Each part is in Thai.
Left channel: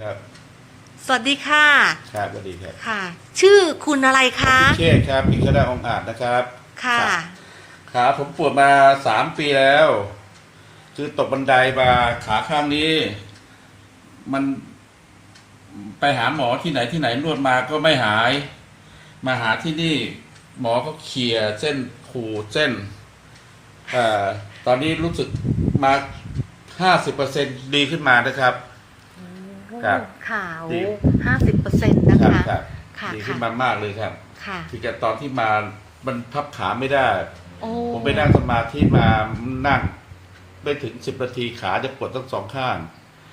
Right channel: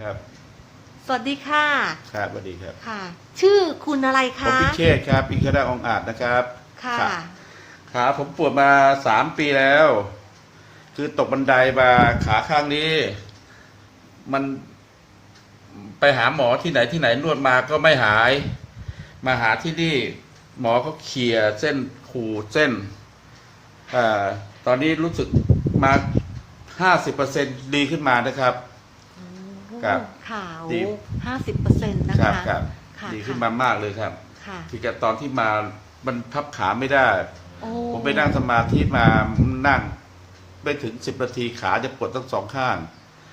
ครับ สวัสดีค่ะ ครับสวัสดีครับค่ะ ชื่อคุณอะไรผมคะ พิเชษครับพิคดาองอาจนะครับ ค่ะรับขาผมปวดมาสามปีแล้ว คือตกบันไดมาขาข้างนี้ มันไปหาหมอที่ไหนที่ไหนนวดมาก็ไม่หาย มาหาที่นี่ หมอก็เขี่ยเส้นขูดเส้นอาตอนนี้รู้สึกมาห้าสิบเปอร์เซ็นดีขึ้นมานะครับ ครับข่าวดี ห้าสิบเปอร์เซ็นต์นะครัคะครับค่ะดีขึ้นค่ะมามากเลยครับค่ะที่กับตอนที่มามันพับขาไม่ได้ โอ้ผมไปนั่งสมาธิมานั่งไปถึงสิบนาทีขาจะปวดทั้งสองข้าง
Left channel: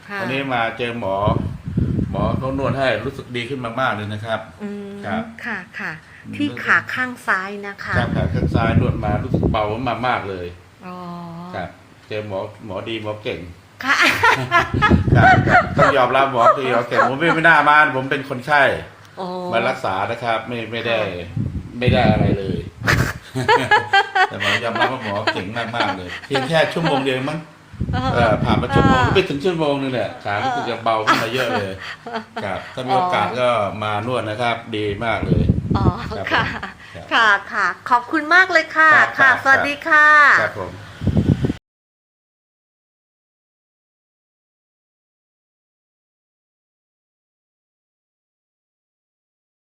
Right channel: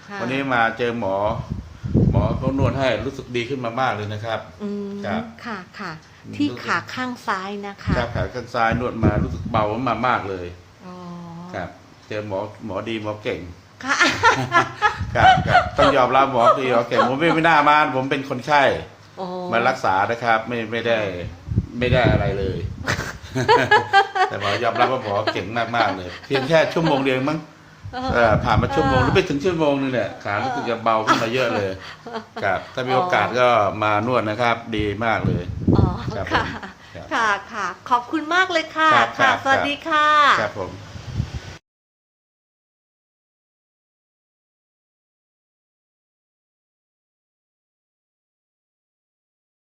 ค่ะวันนี้มาเจอหมอ หมอเขานวดให้รู้สึกดีขึ้นมากๆเลยนะครับ อืมครับค่ะค่ะอืมที่ขาข้างซ้ายนะคะครับขาข้างซ้ายนวดมารู้สึกเบามามากเลย อ๋อครับ เจอหมอหมอดีหมอเก่ง ค่ะ ครับครับต้องยอมรับหมอดีหมอเก่งผมไม่ไม่น่ามาผมเป็นคนไข้โอ้มารักษานะครับ ไม่ไม่ได้ไม่ได้อะไรเลย แต่หมอยอมรับว่าหมอเก่งมากมากๆเลยเพียงแค่ชั่วโมงเดียวมั้งเออผ่านมาชั่วโมงหรือไปถึงชั่วโมงนึงเนี่ยขารู้สึกจะเบาขึ้นมาเยอะเลยครับถ้ามีโอกาสก็มานวดนะครับ ดีมากเลย อ๋อ ครับค่ะผมครับค่ะ ค่ะ ขอบคุณมากเลยค่ะ ครับครัค่ะ บ สวัสดีค่ะ ครับผม